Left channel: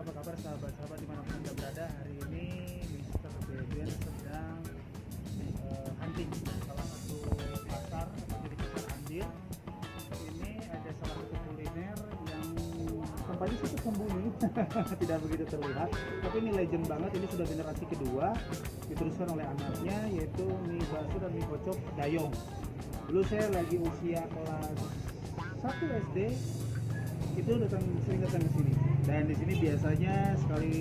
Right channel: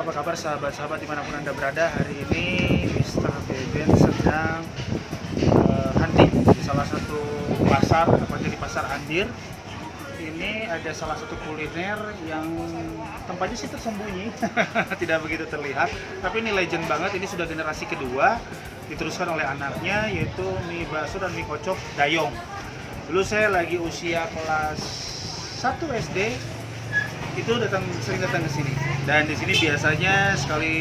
apa kabar sahabat-sahabat dimanapun Anda berada. Hari ini Mr. Beben sedang hunting di salah satu pasar, tepatnya di Pasar Andir. Ini ada salah satu kuliner yang tempatnya sih tersembunyi, tidak begitu terlihat. Tapi ini legend banget, ini sudah generasi kedua, diteruskan oleh anaknya, yaitu mie bakso dan mie kocok Dayong. Dulu saya lagi usia kelas 1 SD, itu sering datang ke sini. Dan di sini biasanya sekali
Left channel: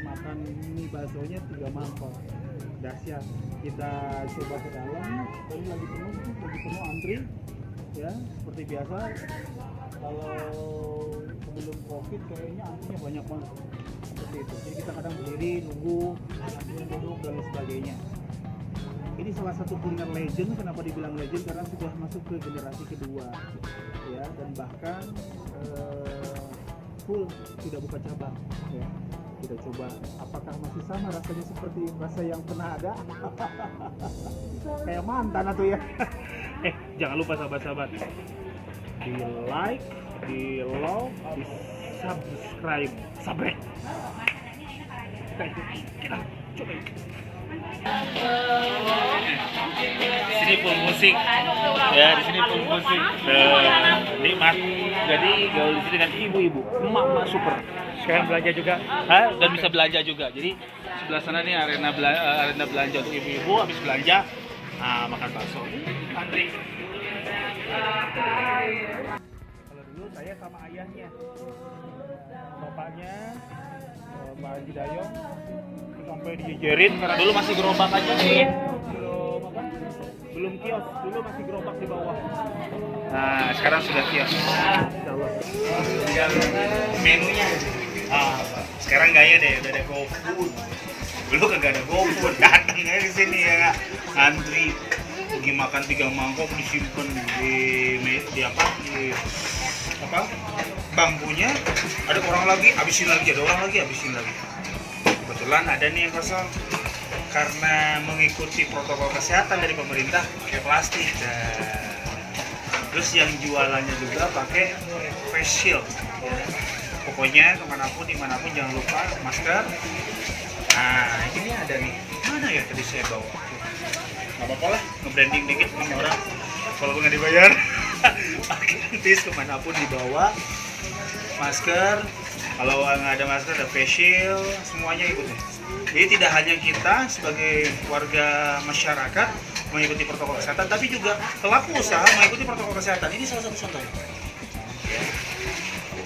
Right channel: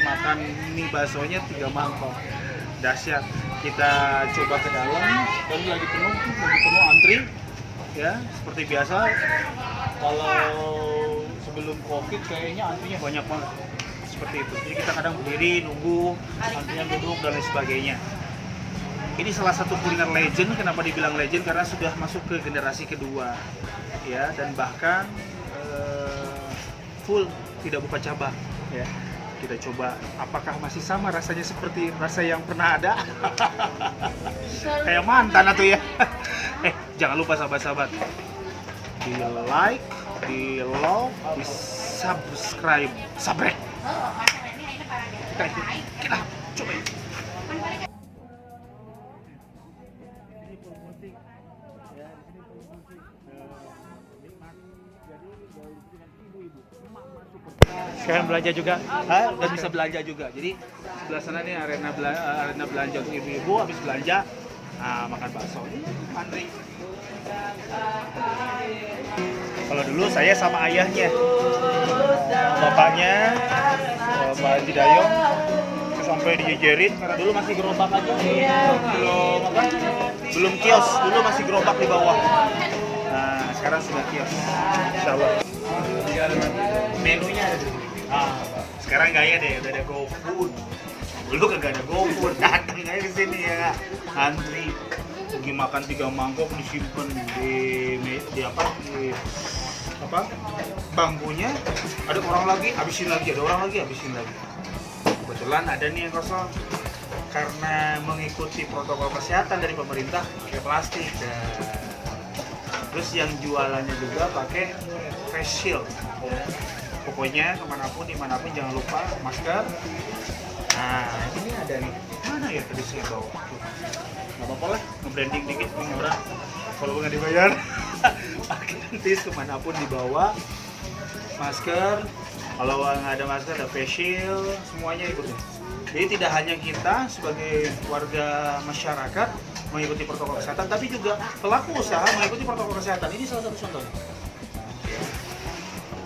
makan mie baksonya 3 mangkok. Dahsyat. Kita coba ke dalam, dan lagi penuh antri. Ya, seperti biasa. Kalau sebelum Covid kayaknya antrinya banyak banget. Seperti itu. Jadi kita kadang berdiri nunggu, antrian duduk dan lain sebagainya. Ini salah satu kuliner legend. Kenapa dibilang legend? Karena sudah masuk ke generasi kedua. Ya, dan bahkan full tidak buka cabang ya. Kita coba apakah masih sama rasanya seperti rasa yang pernah ada. Kayak mantan atau ya. Jangan lupa sahabat-sahabat, di like, di love, di subscribe, sabrek. Kita coba yuk. Di sini full musik ya, di sini full musik nikmat. Jadi gaul di sini dengan ibu-ibu, emak-emak super. Sekarang belanja juga, dan bisa belanja juga. Jadi sebelah sana nih arena belanja untuk ibu-ibu. Habis belanja, makan bakso. Antri. Kalau dulu saya sama ayahnya, bapaknya, Pak Haji Dayong, sampai dijejerin karena dulu masih gerobak aja nih, belum kios, dulu masih gerobak di bawah. Nah, sekarang sudah kios, insyaallah. Menunya, sekarang gaya deh, udah ada GoFood. Dulu kagak ada GoFood, datang aja ke sini ya, antri. Pergi makan 3 mangkok disimpan di bangkunya. Ada orang lagi, habisin lagi, ada orang lagi, habisin lagi. Kebetulan ada nih yang kosong. Karena mengikuti protokol kesehatan dari pemerintah, pakai plastik. Dan terus yang jualannya juga pakai face shield ya. Pokoknya kemanapun dimanapun jangan lupa masker. Nah ini ada nih, mana ya tadi saya bawa? Nggak apa-apa lah, nge-branding dikit nih orang, walaupun nggak dibayar. Pakai antis kemanapun dibawa, masker. Kalau nggak ada masker ada face shield, semuanya ikut nih. Jadi tidak hanya kita sebagai warga masyarakat mengikuti protokol kesehatan, tapi juga pelaku usaha mengikuti protokol kesehatan. Ini salah satu contohnya. Ya.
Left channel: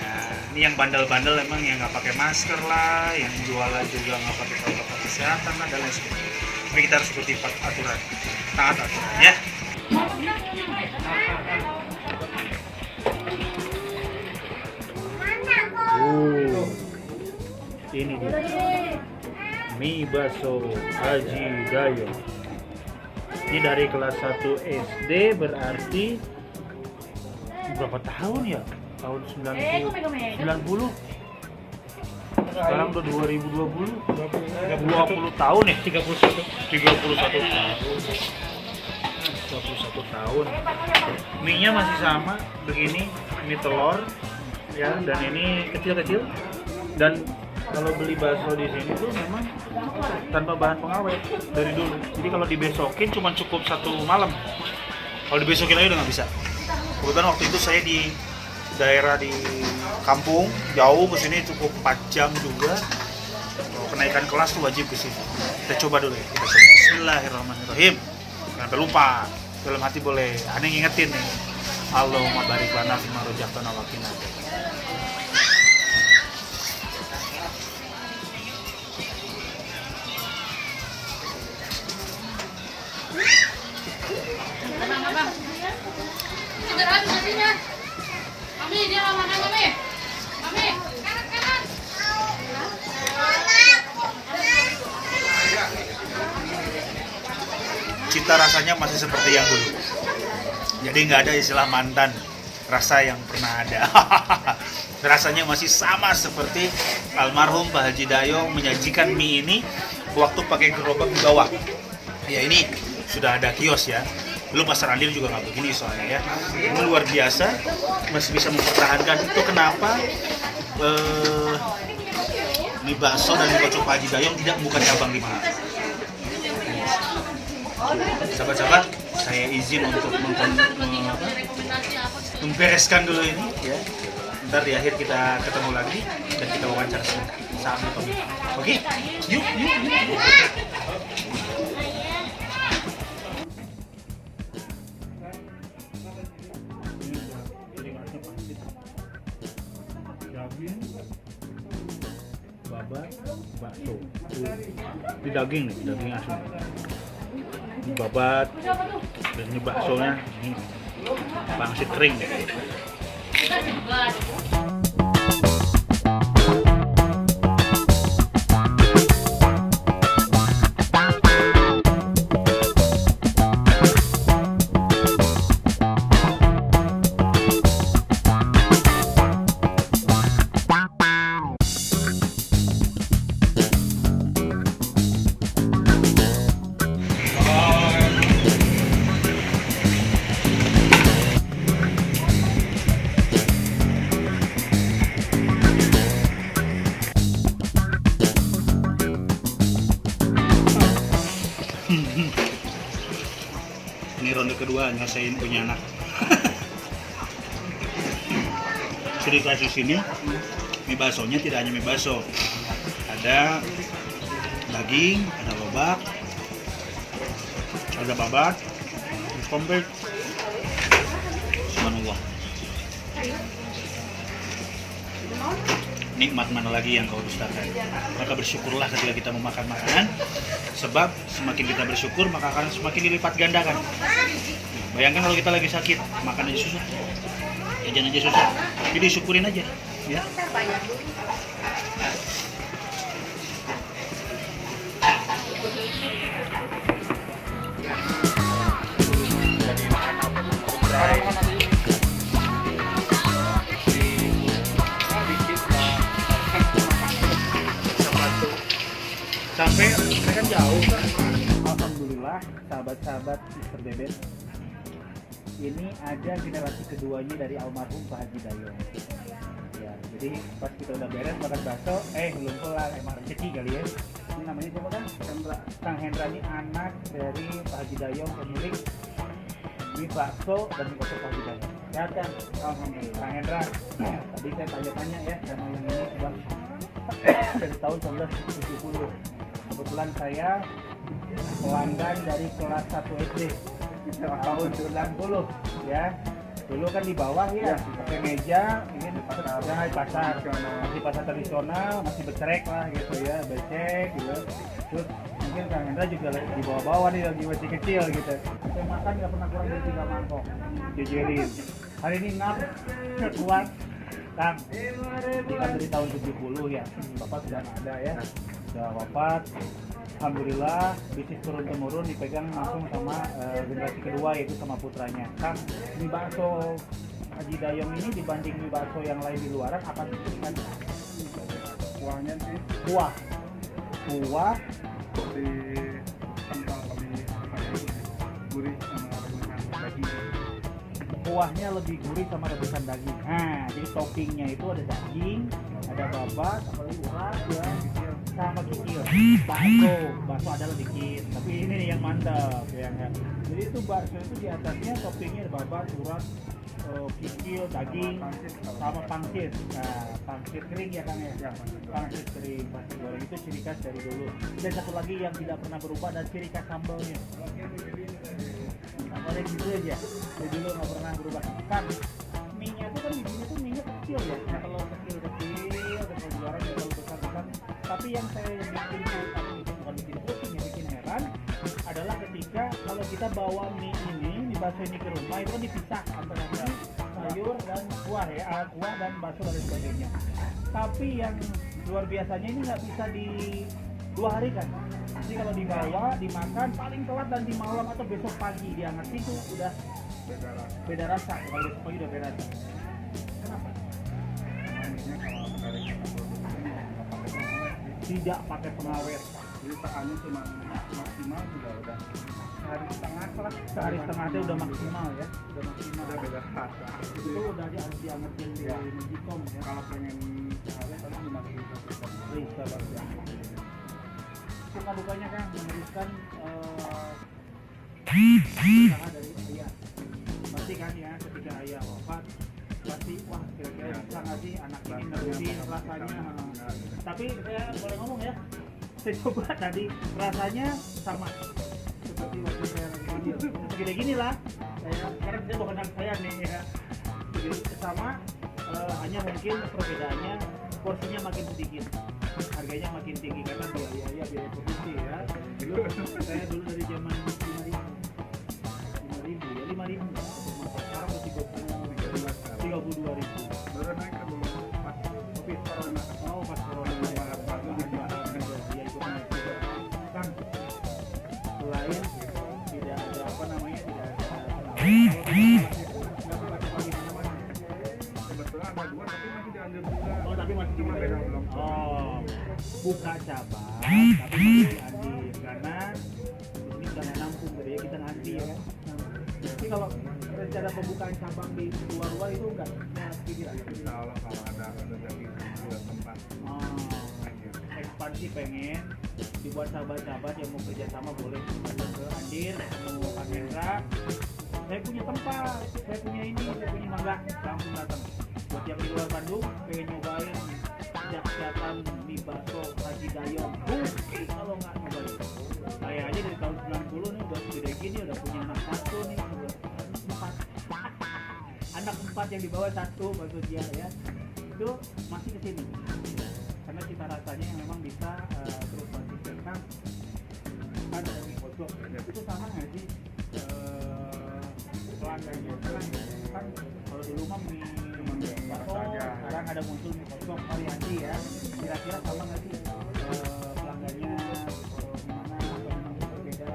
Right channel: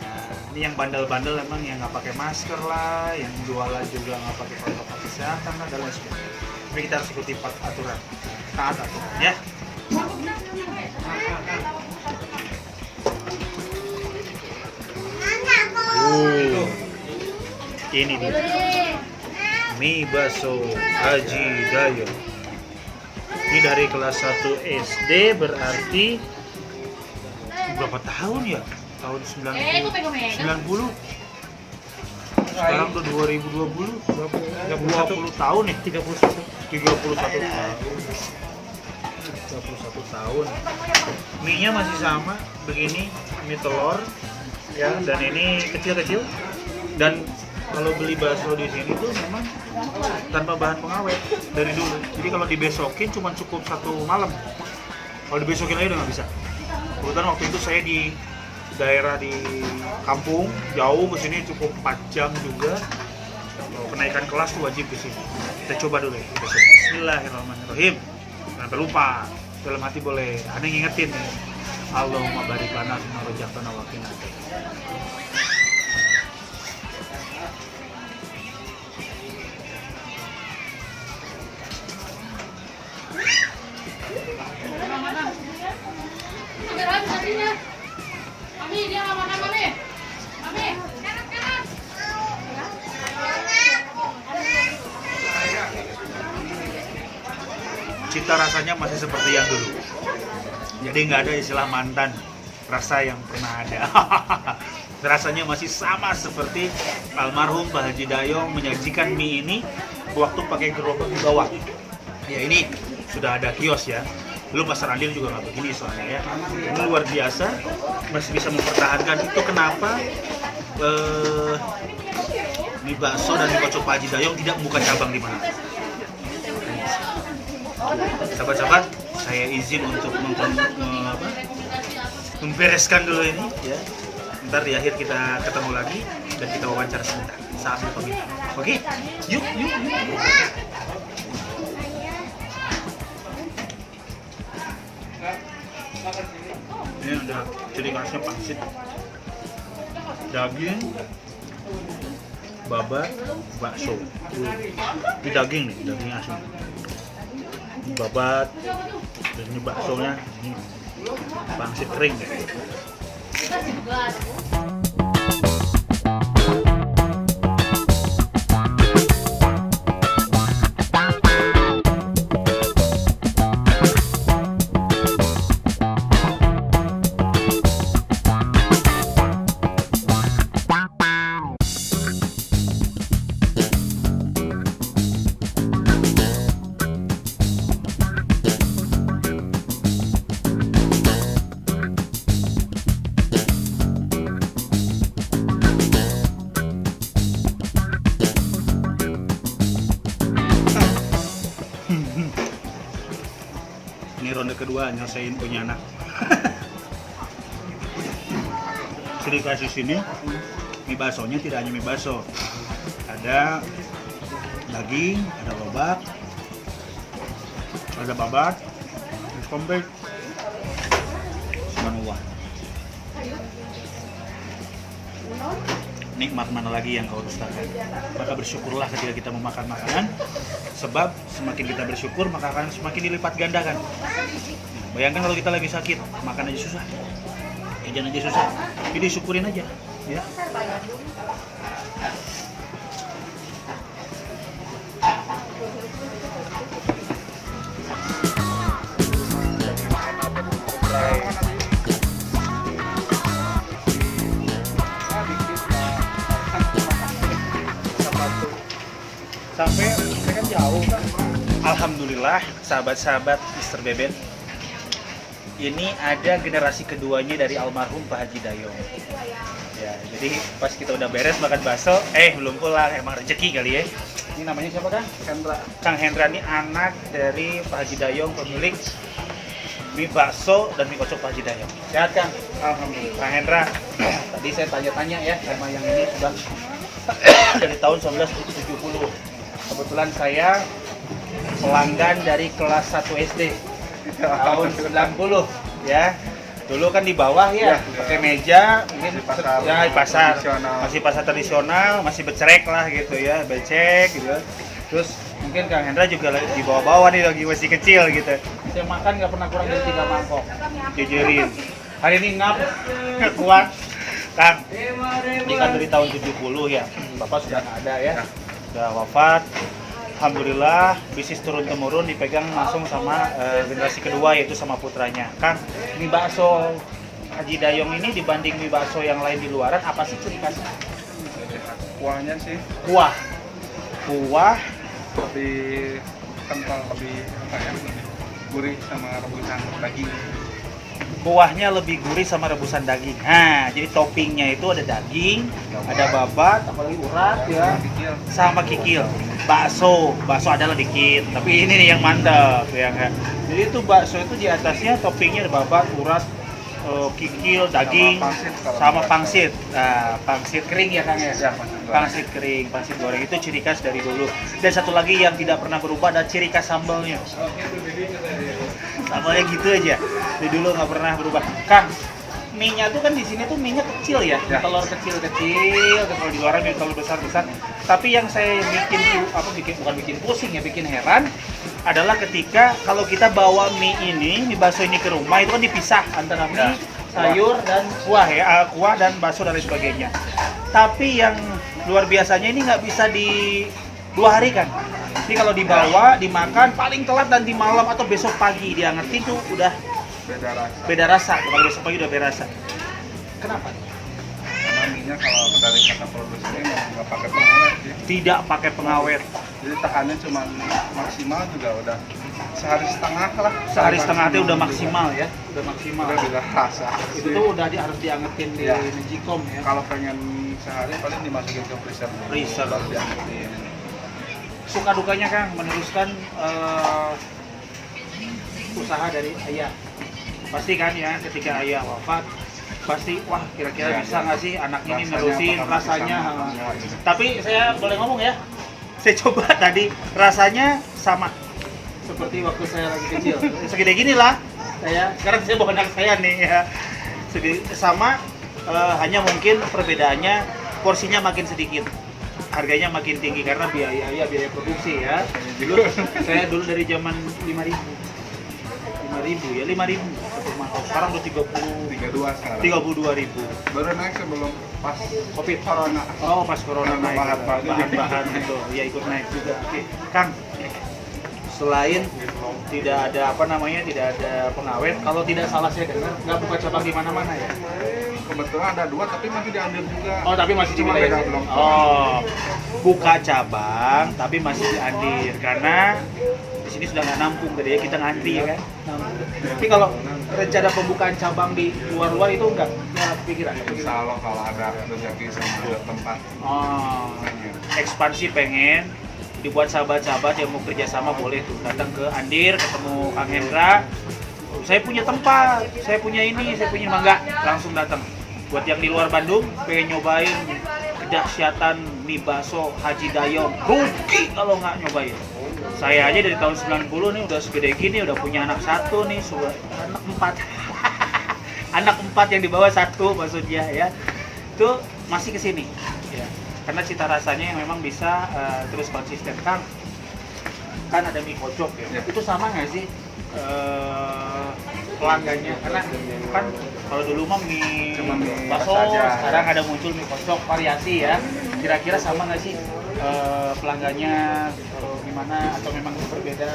Nah, ini yang bandel-bandel emang yang nggak pakai masker lah, yang jualan juga nggak pakai protokol kesehatan lah, dan lain sebagainya. Tapi kita harus ikuti aturan, taat aturan ya. Ini dia. Mie bakso Haji Dayong. Ini dari kelas 1 SD, berarti berapa tahun ya? Tahun 90. Sekarang udah 2020. 20 tahun ya? 31 tahun. Mie-nya masih sama begini, mie telur ya, dan ini kecil-kecil. Dan kalau beli bakso di sini tuh memang tanpa bahan pengawet dari dulu. Jadi kalau dibesokin cuma cukup 1 malam. Kalau dibesokin lagi udah nggak bisa. Kebetulan waktu itu saya di daerah di kampung, jauh ke sini cukup 4 jam juga. Kalau kenaikan kelas tuh wajib ke sini. Kita coba dulu ya. Kita coba. Bismillahirrahmanirrahim. Jangan lupa, dalam hati boleh. Aneh ngingetin nih. Allahumma barik lana fima rojaktana wa qina adzabannar. Cita rasanya masih seperti yang dulu. Jadi nggak ada istilah mantan, rasa yang pernah ada. Rasanya masih sama seperti almarhum Pak Haji Dayong menyajikan mie ini waktu pakai gerobak di bawah. Ya ini sudah ada kios ya. Dulu Pasar Andir juga nggak begini soalnya ya. Ini luar biasa, masih bisa mempertahankan. Itu kenapa mie bakso dan mie kocok Pak Haji Dayong tidak membuka cabang di mana. Sahabat-sahabat, saya izin untuk membereskan dulu ini ya. Ntar di akhir kita ketemu lagi dan kita wawancara sebentar. Sambil pamit. Oke, yuk. Ini ada ciri khasnya pangsit, daging, babat, bakso. Ini daging nih, daging asli. Ini babat, dan ini baksonya, ini pangsit kering nih. Ini ronde kedua nyelesain punya anak. Ciri khas di sini mie baksonya tidak hanya mie bakso, ada daging, ada lobak, ada babat, ada komplit, semua. Nikmat mana lagi yang kau dustakan? Maka bersyukurlah ketika kita memakan makanan, sebab semakin kita bersyukur maka akan semakin dilipat gandakan. Bayangkan kalau kita lagi sakit, makan aja susah, jajan aja susah, jadi syukurin aja, ya. Sampai kan jauh. Alhamdulillah, sahabat-sahabat Mr. Bebet, ini ada generasi keduanya dari almarhum Pak Haji Dayong. Ya, jadi pas kita udah beres makan bakso, belum pulang, emang rezeki kali ya. Ini namanya siapa kan? Hendra. Kang Hendra ini anak dari Pak Haji Dayong, pemilik mie bakso dan mie kocok Pak Haji Dayong. Sehat Kang? Alhamdulillah. Kang Hendra, tadi saya tanya-tanya ya sama yang ini sudah dari tahun 1970. Kebetulan saya pelanggan dari kelas 1 SD tahun 90 ya. Dulu kan di bawah ya, pakai meja, mungkin di pasar, masih pasar tradisional, masih becerek lah gitu ya, becek gitu. Terus mungkin Kang Hendra juga di bawah-bawah nih, lagi masih kecil gitu. Saya makan nggak pernah kurang dari 3 mangkok, jejerin. Hari ini nggak kuat, Kang. Ini kan dari tahun 70 ya, Bapak sudah nggak ada ya. Udah wafat. Alhamdulillah bisnis turun-temurun dipegang langsung sama generasi kedua, yaitu sama putranya. Kang, mie bakso Haji Dayong ini dibanding mie bakso yang lain di luaran, apa sih ciri khasnya? Kuahnya sih Kuah lebih kental, lebih gurih sama rebusan daging. Kuahnya lebih gurih sama rebusan daging. Nah, jadi toppingnya itu ada daging, ada babat, apalagi urat ya, sama kikil. Bakso adalah dikit, tapi ini nih yang mantap ya kan. Jadi itu bakso itu di atasnya toppingnya ada babat, urat, kikil, daging, sama pangsit. Nah, pangsit kering ya Kang ya? Pangsit kering, pangsit goreng itu ciri khas dari dulu. Dan satu lagi yang tidak pernah berubah adalah ciri khas sambalnya. Sambalnya gitu aja. Dari dulu nggak pernah berubah. Kang, mie-nya tuh kan di sini tuh mie-nya kecil ya, telur kecil-kecil, kalau di luar mie telur besar-besar. Tapi yang saya bukan bikin pusing ya, bikin heran adalah ketika kalau kita bawa mie bakso ini ke rumah, itu kan dipisah antara mie, sayur dan kuah ya, kuah dan bakso dan lain sebagainya. Tapi yang luar biasanya ini nggak bisa di 2 hari kan. Jadi kalau dibawa, dimakan paling telat nanti malam atau besok pagi diangetin tuh udah beda rasa. Kalau besok pagi udah beda rasa. Kenapa? Karena minyak kalau dari kata produsennya nggak pakai pengawet sih. Tidak pakai pengawet. Jadi tahannya cuma maksimal juga udah sehari setengah lah. Sehari setengah itu udah maksimal ya, udah maksimal. Udah rasa. Itu tuh udah harus diangetin di Magicom ya. Kalau pengen sehari paling dimasukin ke freezer dulu, Freezer. baru diangkutin. Suka dukanya Kang meneruskan usaha dari ayah. Pasti kan ya ketika ayah wafat pasti wah kira-kira Iya, bisa iya. nggak sih anak ini Rasanya nerusin apakah rasanya. bisa sama gitu. Tapi saya boleh ngomong ya, saya coba tadi rasanya sama seperti waktu saya lagi kecil. Segede gini lah saya. Sekarang saya bawa anak saya nih ya. Sama, hanya mungkin perbedaannya porsinya makin sedikit, harganya makin tinggi karena biaya produksi ya. Dulu saya dari zaman 5.000 ya, 5.000 sekarang udah 32 sekarang. 32.000. Baru naik sebelum pas Covid. corona. Oh, pas corona naik Bahan-bahan. itu ya ikut naik juga. Oke, Kang, selain tidak ada tidak ada pengawet, kalau tidak salah saya dengar nggak buka cabang di mana-mana ya. Kebetulan ada 2 tapi masih diambil juga. Oh, tapi masih di Cuma wilayah. beda belum. Oh, buka cabang tapi masih di Andir karena di sini sudah nggak nampung tadi ya, kita ngantri ya kan. Tapi kalau rencana pembukaan cabang di luar-luar itu nggak pikiran. Insya Allah kalau ada rezeki sama tempat. Oh, ekspansi pengen dibuat sahabat-sahabat yang mau kerjasama boleh tuh datang ke Andir ketemu Kang Hendra. Saya punya tempat, saya punya ini, saya punya mangga, langsung datang. Buat yang di luar Bandung pengen nyobain kedahsyatan mie bakso Haji Dayong, rugi kalau nggak nyobain. Saya aja dari tahun 90 nih udah segede gini, udah punya anak 1 nih, anak 4 anak 4 yang di bawah 1 maksudnya ya, itu masih kesini ya. Karena cita rasanya yang memang bisa terus konsisten. Kan ada mie kocok ya, itu sama nggak sih pelanggannya? Karena kan kalau dulu mah mie Cuma mie bakso, saja. sekarang ada muncul mie kocok variasi ya. Kira-kira sama nggak sih pelanggannya gimana atau memang berbeda?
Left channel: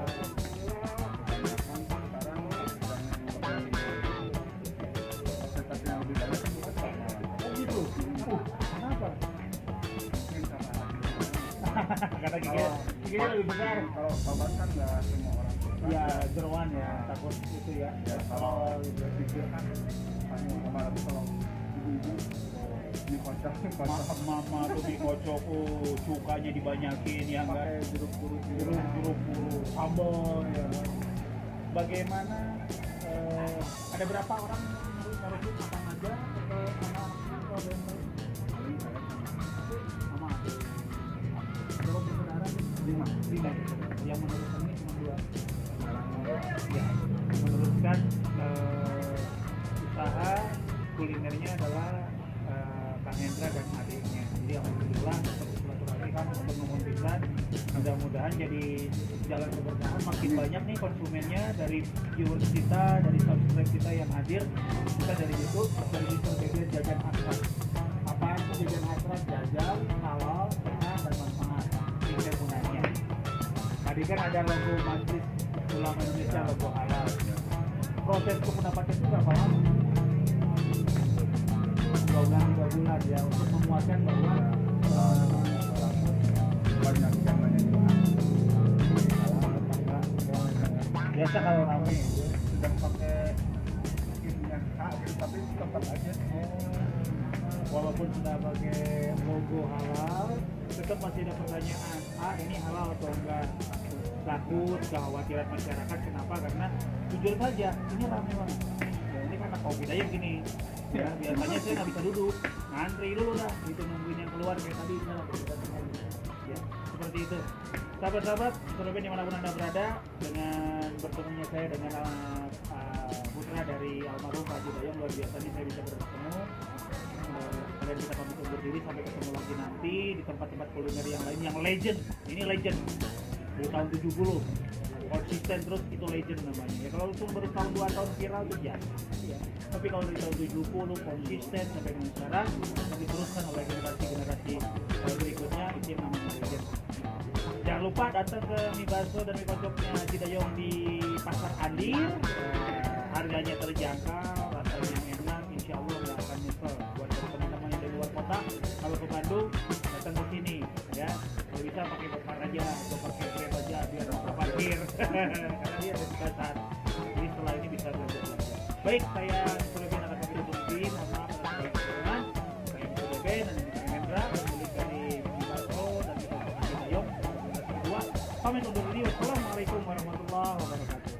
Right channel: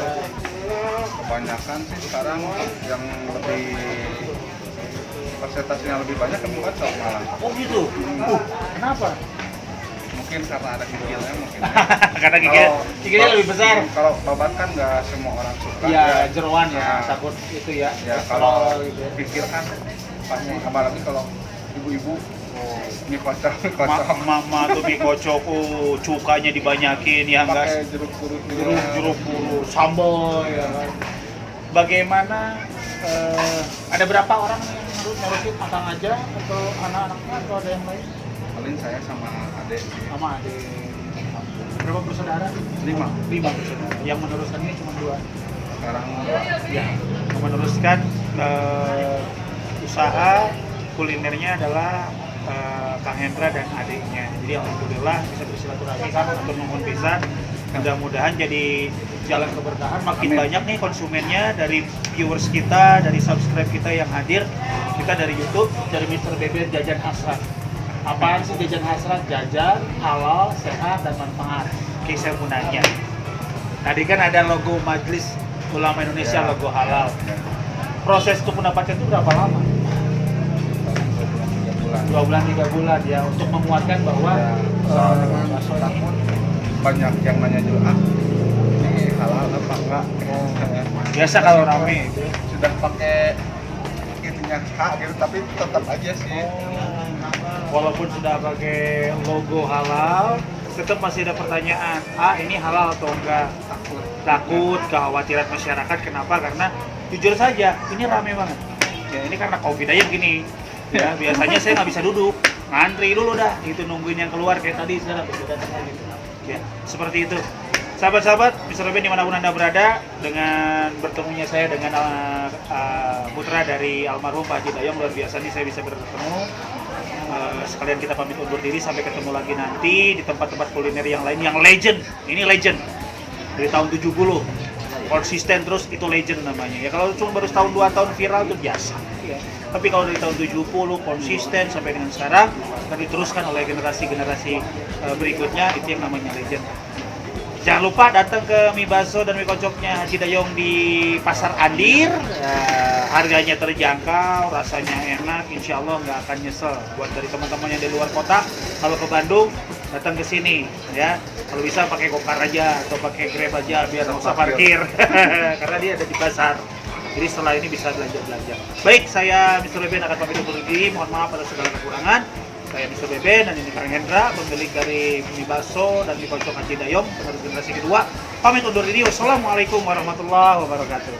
Kebanyakan sih sekarang yang lebih persentasenya lebih banyak ke bakso malah. Oh gitu. Kenapa? Mungkin karena ada gigilnya mungkin. Karena gigilnya lebih besar. Kalau babat kan nggak semua orang suka. Iya, jeroan ya, Nah, takut itu ya. ya kalau gitu ya. pikir kan pasti apalagi kalau ibu-ibu mie kocok Mama tuh mie kocok, cukanya dibanyakin ya enggak, pakai jeruk-jeruk jeruk puru, sambal ya kan. Bagaimana ada berapa orang yang ngurusin Akang aja atau anak-anaknya atau ada yang lain? paling saya sama adik Sama adik. Berapa bersaudara? 5 bersaudara. Yang meneruskan ini cuma 2. sekarang Ya, meneruskan usaha kulinernya adalah Kang Hendra dan adiknya. Jadi alhamdulillah bisa bersilaturahmi kan untuk nuhun pisan. Mudah-mudahan jadi jalan keberkahan. Makin Amin. banyak nih konsumennya dari viewers kita, dari subscribe kita yang hadir. Kita dari YouTube, dari Mr. Beben Jajan Hasrat. Apaan sih jajan hasrat? Jajan, halal, sehat, dan manfaat. Oke, saya mau nanya. Tadi kan ada logo Majelis Ulama Indonesia, Ya. logo halal. Proses untuk mendapatkan itu berapa lama? 2 bulan 3 bulan ya, untuk menguatkan bahwa bakso ini takut banyak yang nanya juga ini halal apa enggak biasa kalau rame itu. sudah pakai ininya hak gitu tapi tetap aja sih Walaupun sudah pakai logo halal, tetap masih ada pertanyaan, ini halal atau enggak? Takut, kekhawatiran masyarakat. Kenapa? Karena jujur saja, ini rame banget. Ya ini karena COVID aja gini. Ya biasanya saya nggak bisa duduk, ngantri dulu dah, itu nungguin yang keluar kayak tadi sekarang berbeda gitu. Ya seperti itu. Sahabat-sahabat, Mr. Beben dimanapun Anda berada, dengan bertemunya saya dengan putra dari almarhum Pak Haji Dayong, luar biasa nih saya bisa bertemu. Sekalian kita pamit undur diri, sampai ketemu lagi nanti di tempat-tempat kuliner yang lain yang legend. Ini legend dari tahun 70, konsisten terus, itu legend namanya. Ya kalau cuma baru setahun 2 tahun viral itu biasa. Ya. Tapi kalau dari tahun 70 konsisten sampai dengan sekarang, dan diteruskan oleh generasi-generasi berikutnya, itu yang namanya legend. Jangan lupa datang ke mie bakso dan mie kocoknya Haji Dayong di Pasar Andir. Harganya terjangkau, rasanya enak, insya Allah nggak akan nyesel. Buat dari teman-teman yang di luar kota, kalau ke Bandung datang ke sini ya. Kalau bisa pakai gokar aja atau pakai grab aja biar nggak usah parkir, karena dia ada di pasar. Jadi setelah ini bisa belanja-belanja. Baik, saya Mr. Beben akan pamit undur diri. Mohon maaf atas segala kekurangan. Saya Mr. Beben. Beben, dan ini Kang Hendra, pemilik dari mie bakso dan mie kocok Haji Dayong, baru generasi kedua. Pamit undur diri. Wassalamualaikum warahmatullahi wabarakatuh.